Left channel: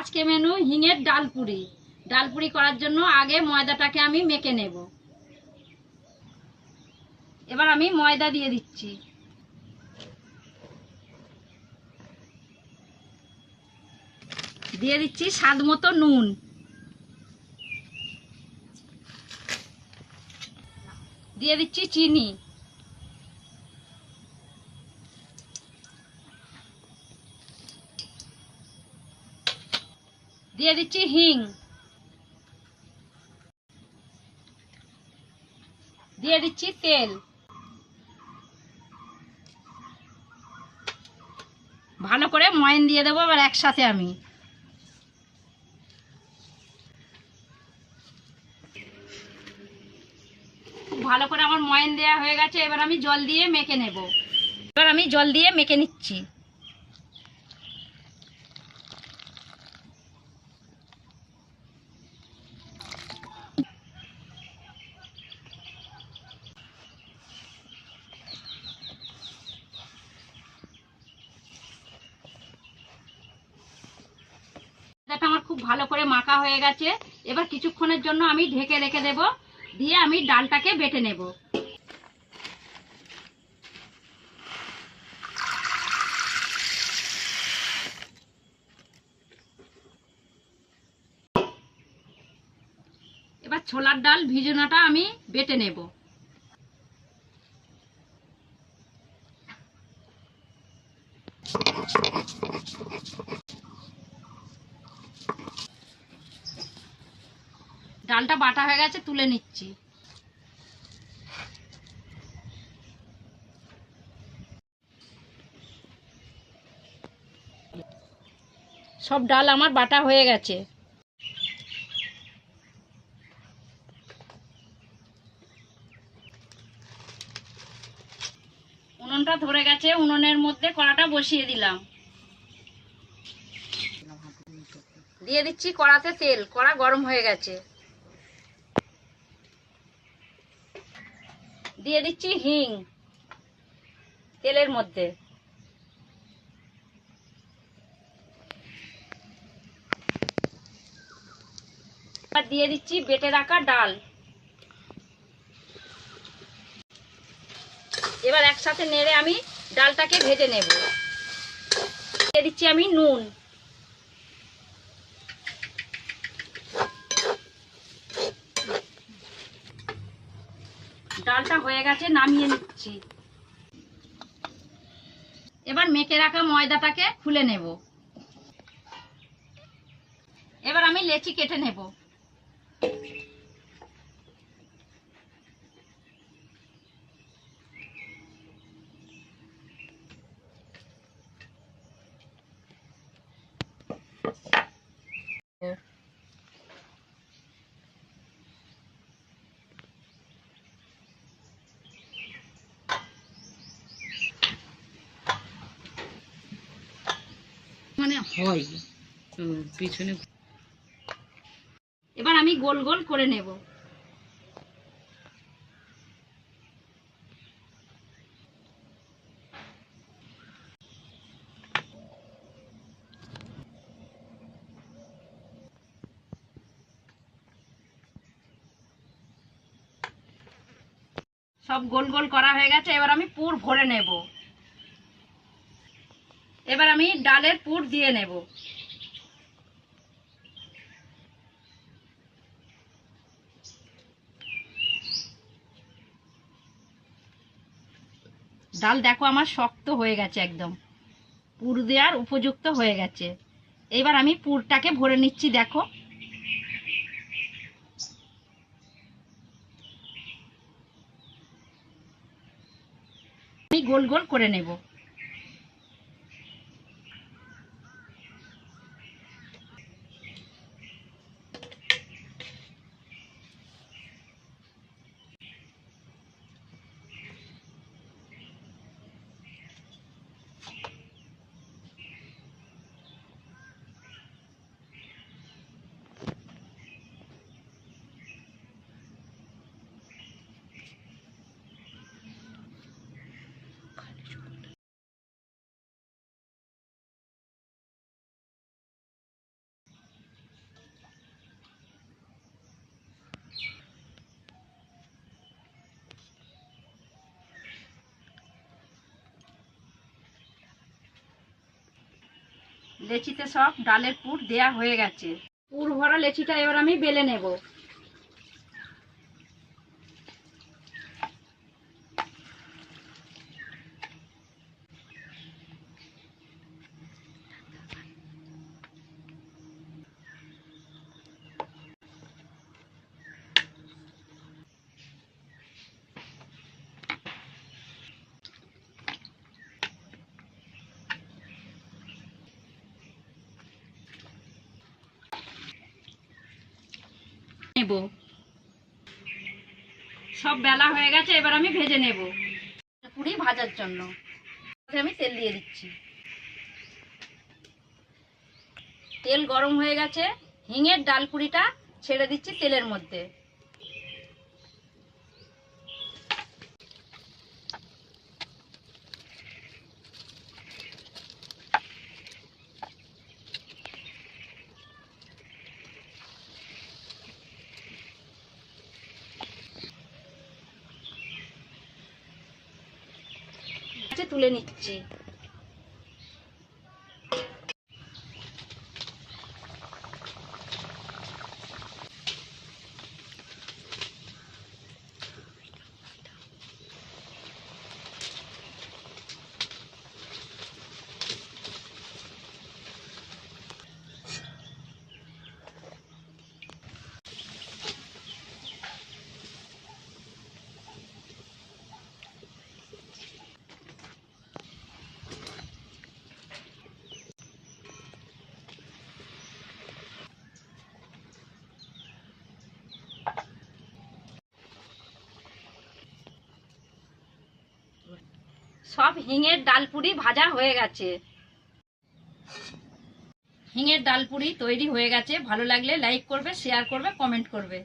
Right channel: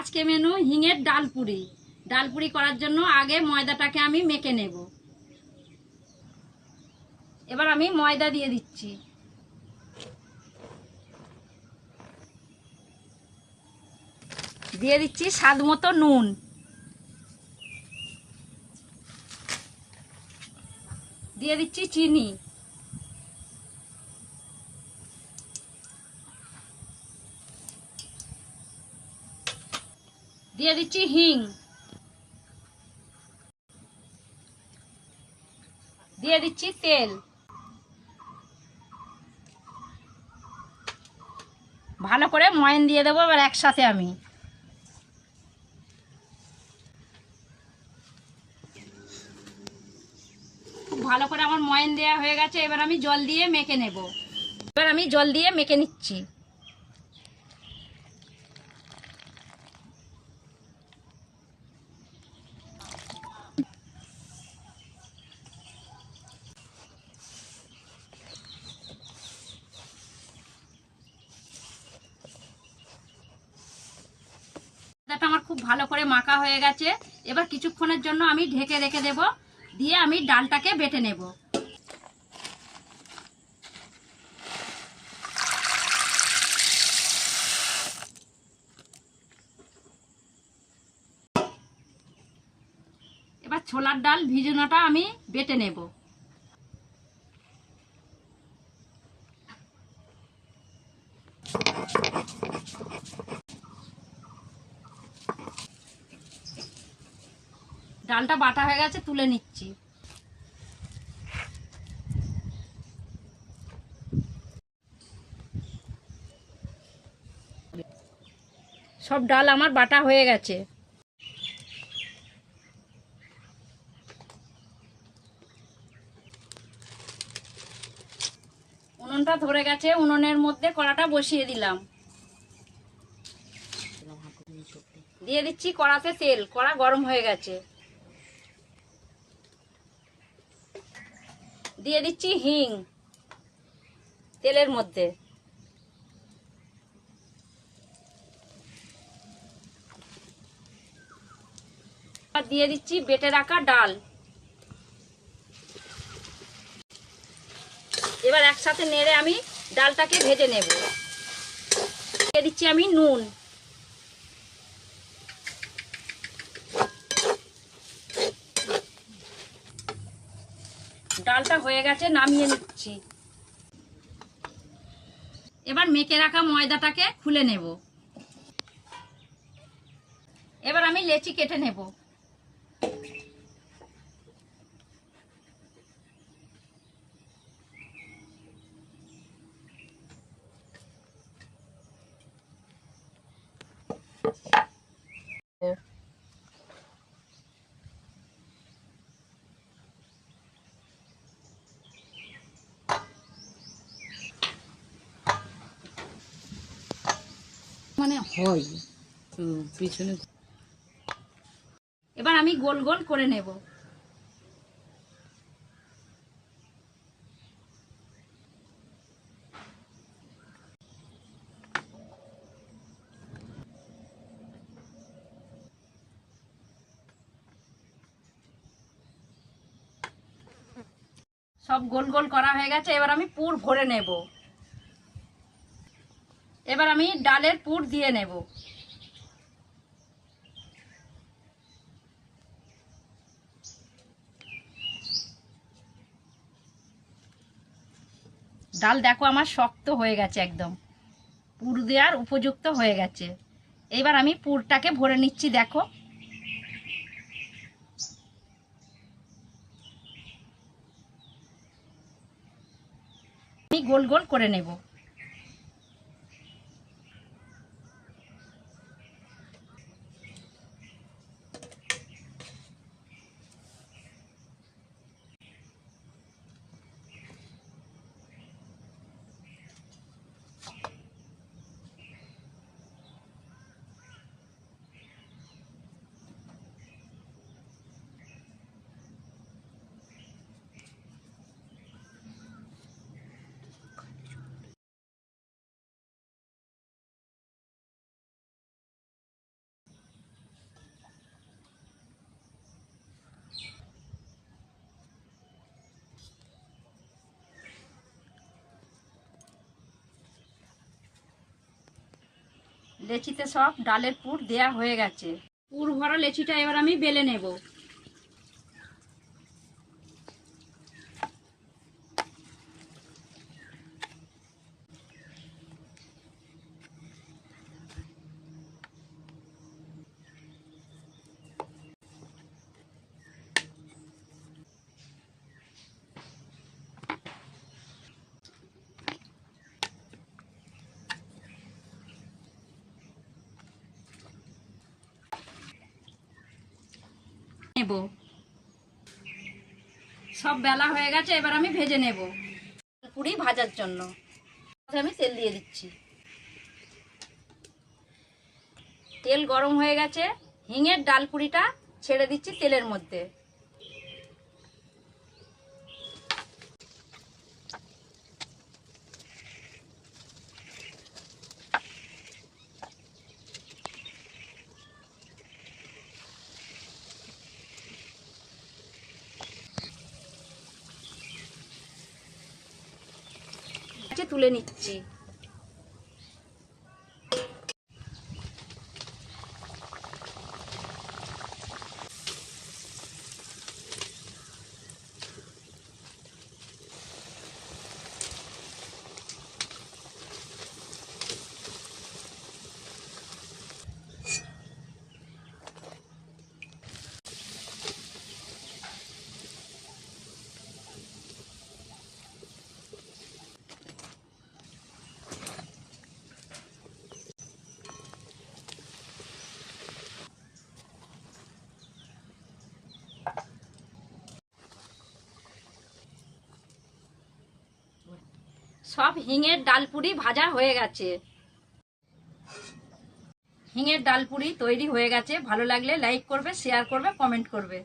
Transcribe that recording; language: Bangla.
আজকে মেনু হিঙের ডালপুরি। ডালপুরি করার জন্য আগে ময়দাটাকে আমি মেখে নেব। এবার আমি ময়দা দিয়ে দিচ্ছি। দিয়ে দিচ্ছি স্বাদ মতো নুন। দিয়ে দিচ্ছি চিনি। দিয়ে দিচ্ছি হিং। দিয়ে দিচ্ছি তেল। ভালো করে ময়ন দিয়ে দেবো, এবার একসাথে আমি। ভালো করে আমার ময়ন দেওয়া হয়ে গেছে, এবার আমি জল দিয়ে মেখে নেব। এবার আমি জল দিয়ে মেখে নিচ্ছি। ময়দাটা আমার খুব ভালো করে মাখা হয়ে গেছে। এবার কিছুক্ষণের জন্য আমি ঢেকে রেখে দেব। দিয়ে আমি ডালটাকে বেটে নেব। এবার ছোলার ডাল ভিজানোটা আমি বেটে নেব। ডালটা বাটা হয়ে গেছে, তুলে নিচ্ছি। সব ডাল আমার বাটা হয়ে গেছে। উনুনটা ধরে গেছে, উনুনের মধ্যে কড়াটা বসিয়ে দিলাম। দিয়ে দিচ্ছি কড়াতে তেল, কড়া গরম হয়ে গেছে। দিয়ে দিচ্ছি হিং তেলের মধ্যে। দিয়ে দিচ্ছি বেটে রাখা ডাল। এবার একসাথে নেড়ে আমি ডালটাকে ভেজে নেব। দিয়ে দিচ্ছি আমি নুন। ডালটা হয়ে গেছে, নামিয়ে নিচ্ছি। এবার মেখে রাখা ময়দাটাকে খুলে নেব। এবার আমি লেচি কেটে নেব। মানে হয়। পিছনে এবার আমি গোল গোল করে নেব। সব গোল গোল করা হয়ে গেছে, এবার আমি পুর ভরে নেব। এবার আমি ডালের পুর দিয়ে নেব। ডাল দেখো আমার শক্ত হয়ে গেছে একদম। পুর দেওয়ার উপযুক্ত হয়ে গেছে। এবার আমি পুরটাকে ভরে নিচ্ছি, দেখো। আমি গোল গোল করে নেব। লেচিতে সব ডালের পুর দেয়া হয়ে গেছে। পুর ভরা লেচিটা এবার আমি বেলে নেব। নেব। সব বেলা হয়ে গেছে, এবার আমি ভেজে নেব। পুরি ভাজার জন্য। আমি তেল দিয়ে দিচ্ছি। তেল গরম হয়ে গেছে, হিঙের ডাল পুরিটা ছেড়ে দিচ্ছি তেলের মধ্যে। তুলে নিচ্ছি। সব হিঙের ডালপুরি ভাজা হয়ে গেছে। হিঙের ডালপুরি তৈরি হয়ে গেছে। ভালো লাগলে লাইক করবে শেয়ার করবে কমেন্ট করবে।